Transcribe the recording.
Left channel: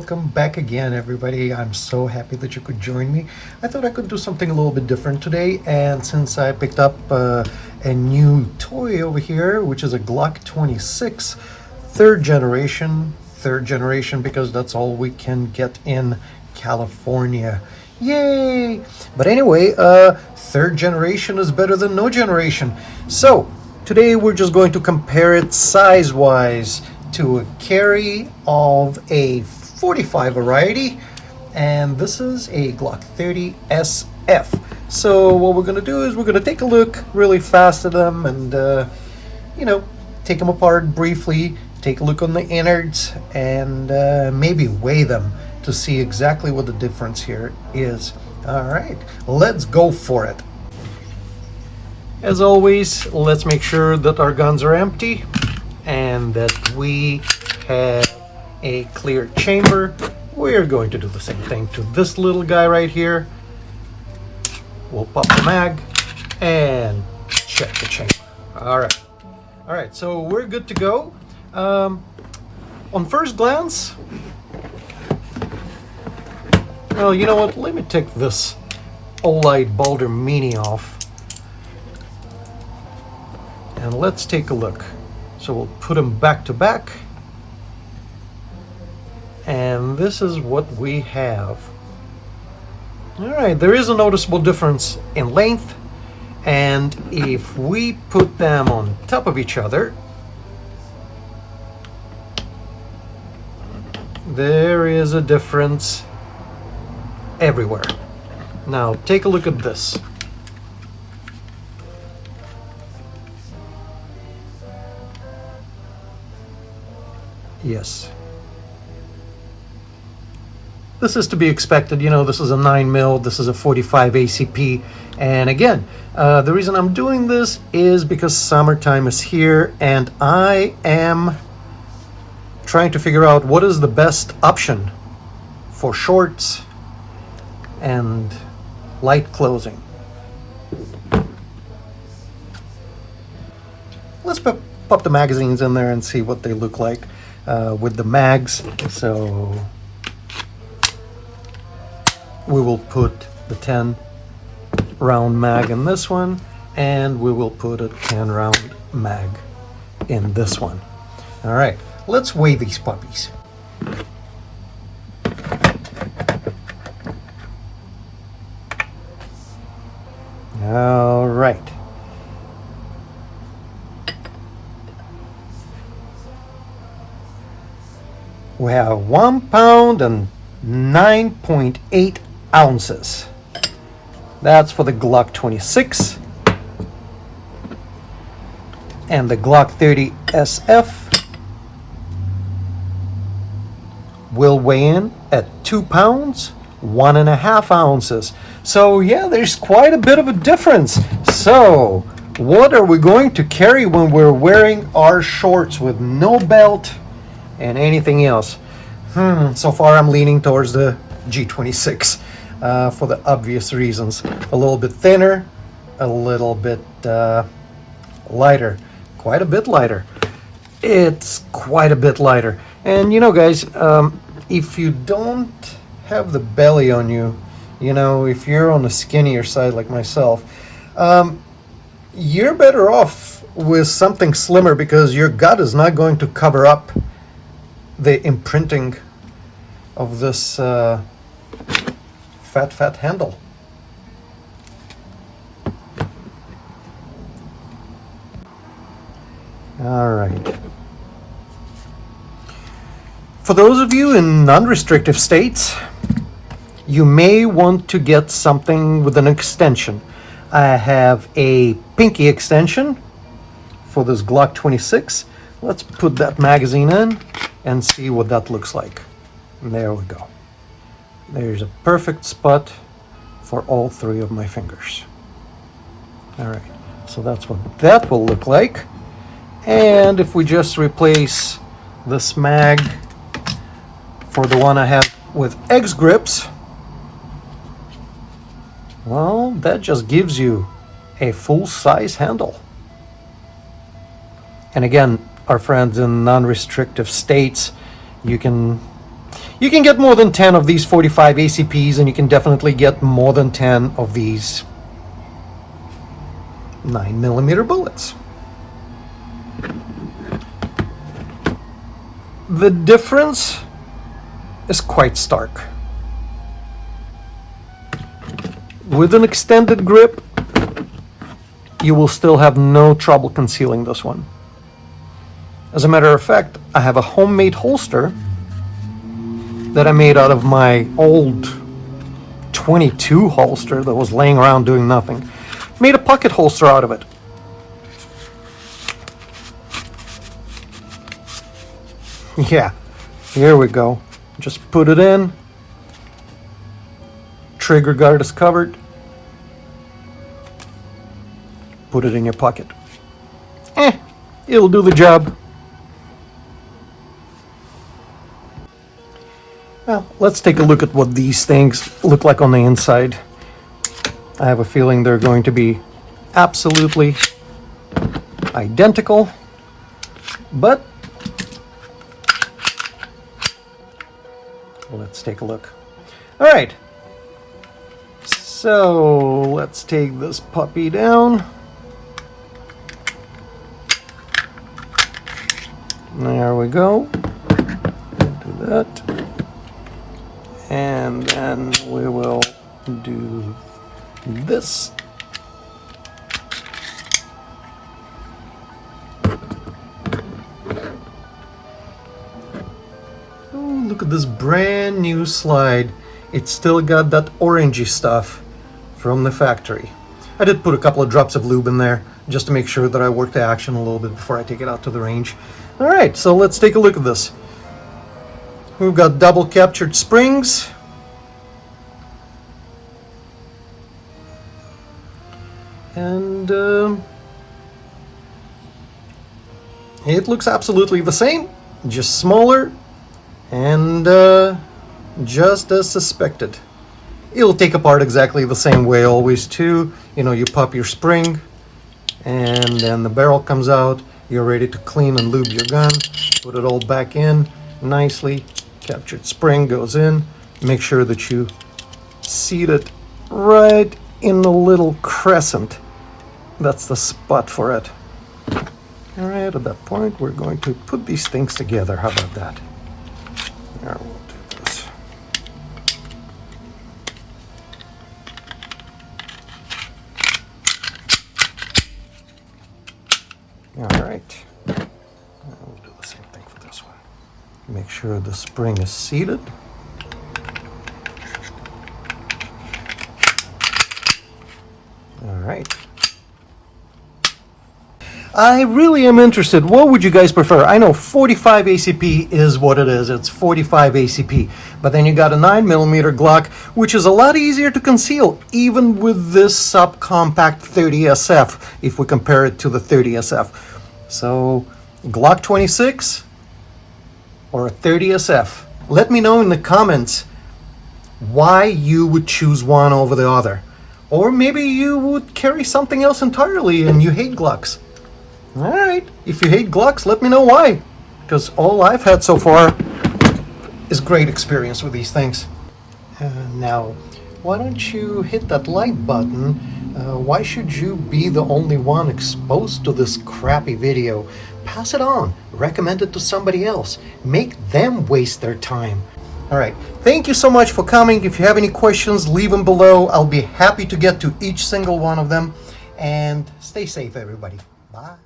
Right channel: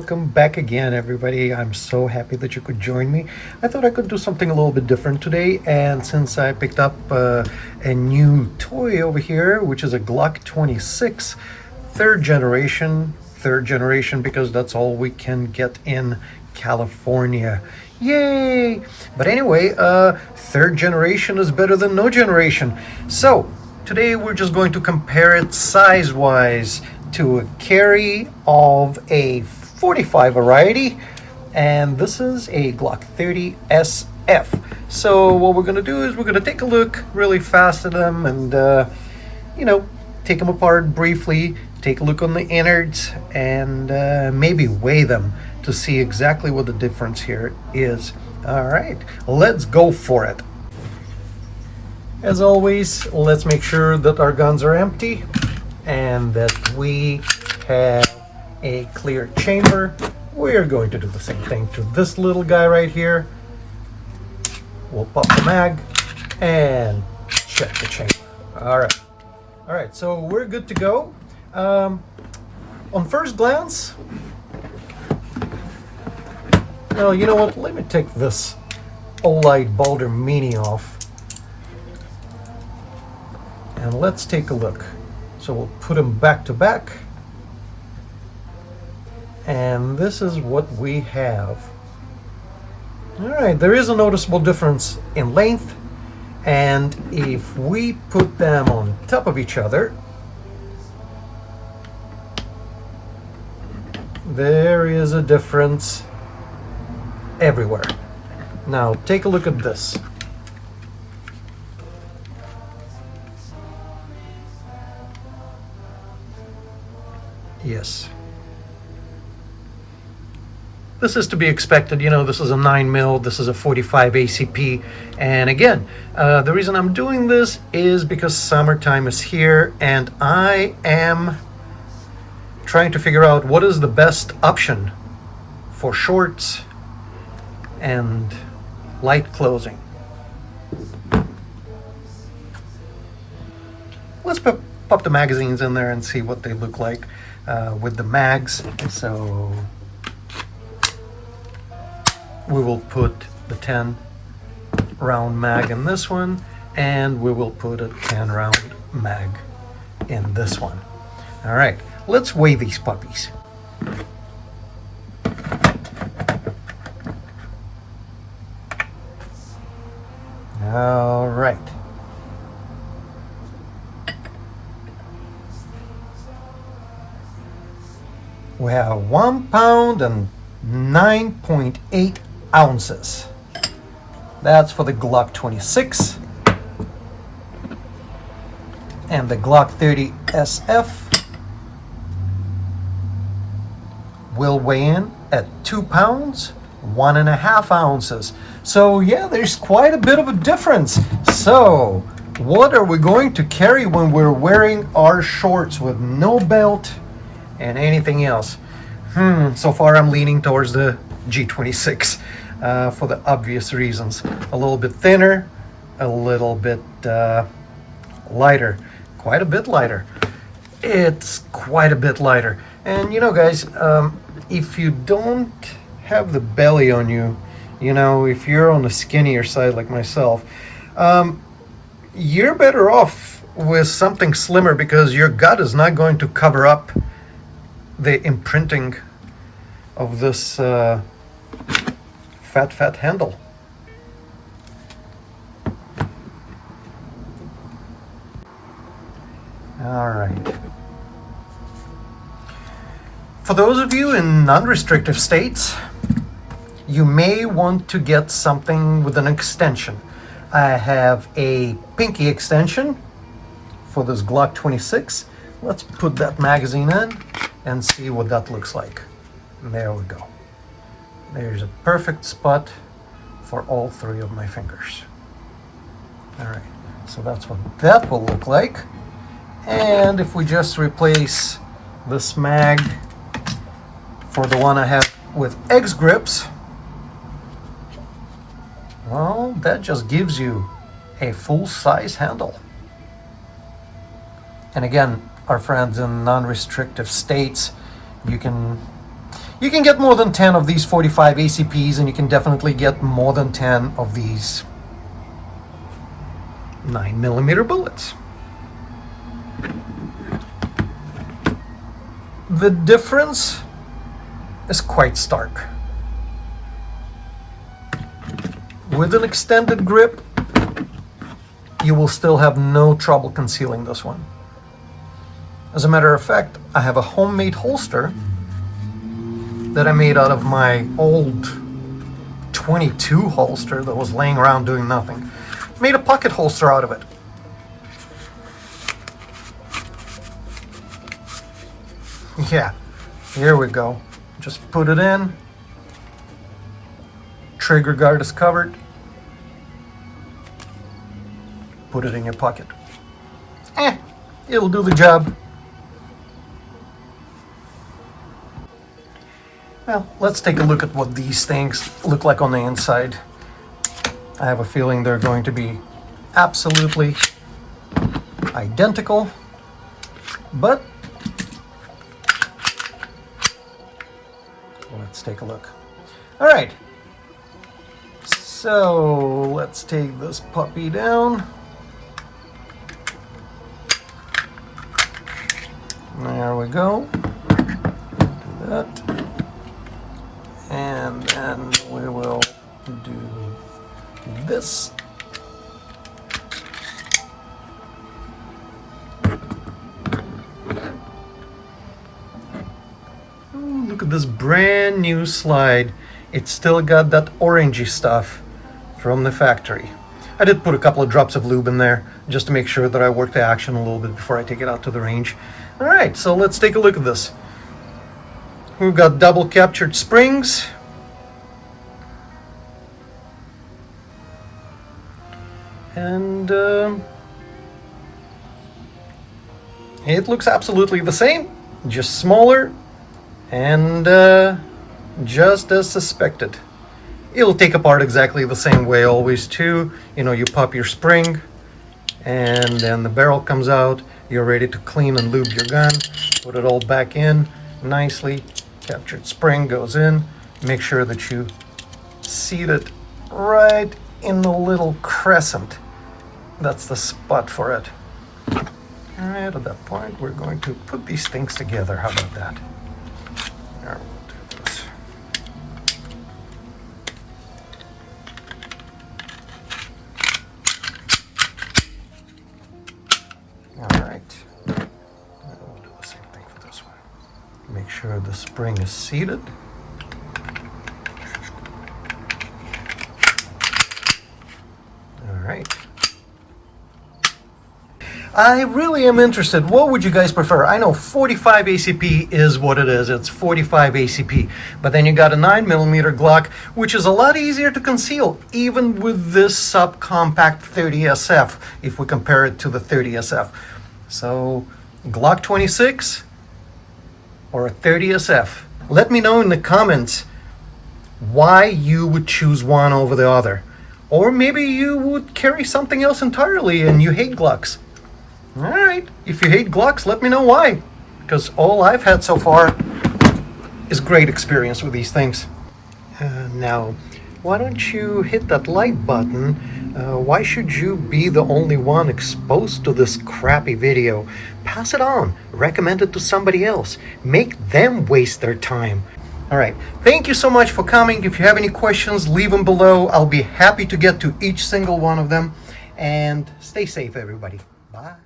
welcome back again, everybody. I'm so happy that you could join me. I thought I could do something a little bit different today, and since I picked up a new toy over here, which is a Glock 26 third generation because that's all we can get in California. Yay! But anyway, third generation is better than no generation. So today we're just going to compare it size-wise to a carry of a 45 variety, and this is a Glock 30 SF. So what we're going to do is we're going to take a look really fast at them and take them apart briefly, take a look on the innards, and maybe weigh them to see exactly what the difference here is. All right, let's go for it. As always, let's make sure that our guns are empty and that we have a clear chamber. We're going to do the same thing to this little guy right here. We'll pop the mag and check the chamber. All right, so we're good to go. On first glance, well, you know what, let me take this Olight Balder Mini off and let's take a look. So we'll put them back to back, and this is what we have. All right, there is a noticeable difference in length, and if we put them on top of each other, there is a difference everywhere. Now take a look at this. Yes. This is to be expected. This is a 9mm, this is a 45 ACP. And again, the reason I'm doing this is because summertime is here and I am trying to figure out what is the best option for shorts and light clothing. Let's pop the magazines in there and see what they look like with the mags. So we will put the 10 round mag in this one, and we will put a 10 round mag in this one. All right, let's weigh these puppies. All right. We have 1 pound and 9.8 ounces. That's for the Glock 26. And the Glock 30 SF will weigh in at 2 pounds, 1.5 ounces. So yeah, there's quite a bit of a difference. So what are we going to carry when we're wearing our shorts with no belt and anything else? So far I'm leaning towards the G26 for the obvious reasons. A little bit thinner, a little bit lighter, quite a bit lighter. It's quite a bit lighter. And guys, if you don't have the belly on you, if you're on the skinnier side like myself, you're better off with something slimmer because your gut is not going to cover up the imprinting of this fat handle. All right. For those of you in non-restrictive states, you may want to get something with an extension. I have a pinky extension for this Glock 26. Let's put that magazine in and see what that looks like. And there we go. There's a perfect spot for all 3 of my fingers. All right, so that's what that will look like. And if we just replace this mag for the one I have with X grips, well, that just gives you a full-size handle. And again, our friends in non-restrictive states, you can You can get more than 10 of these 45 ACPs, and you can definitely get more than 10 of these 9mm bullets. The difference is quite stark. With an extended grip, you will still have no trouble concealing this one. As a matter of fact, I have a homemade holster that I made out of my old 22 holster that was laying around doing nothing. Made a pocket holster out of it. Yeah, here we go. Just put it in. Trigger guard is covered. Put it in your pocket. It'll do the job. Well, let's take a look at what these things look like on the inside. I have a feeling they're going to be absolutely identical, but let's take a look. All right, so let's take this puppy down. There we go. Do that. And then we will do this. Oh, look at this brand new slide. It's still got that orangey stuff from the factory. I did put a couple of drops of lube in there just to make sure that I work the action a little bit before I take it out to the range. All right, so let's take a look at this. We've got double captured springs. And it looks absolutely the same, just smaller and just as suspected. It'll take apart exactly the same way always too. You know, you pop your spring and then the barrel comes out. You're ready to clean and lube your gun. Put it all back in nicely. Captured spring goes in. Make sure that you seat it right in the little crescent. That's the spot for it. All right, at that point, we're going to put these things together. How about that? Here, we'll do this. All right. Now we'll do the same thing for this one. Make sure the spring is seated. All right. I really am interested. What would you guys prefer? I know 45 ACP is what it is. It's 45 ACP. But then you got a 9mm Glock, which is a lot easier to conceal, even with this subcompact 30SF, if we compare it to the 30SF. So, Glock 26 or a 30SF? Let me know in the comments why you would choose one over the other. Or maybe you would carry something else entirely and you hate Glocks. Alright, if you hate Glocks, let me know why. Because all I've had so far is great experience with these things. Now, why don't you hit that like button? Why should you be the only one exposed to this crappy video? Pass it on. Recommend it to somebody else. Make them waste their time. Alright, thank you so much for coming. If you have any questions, leave them below. I'll be happy to get to each single one of them. And stay safe, everybody. Bye.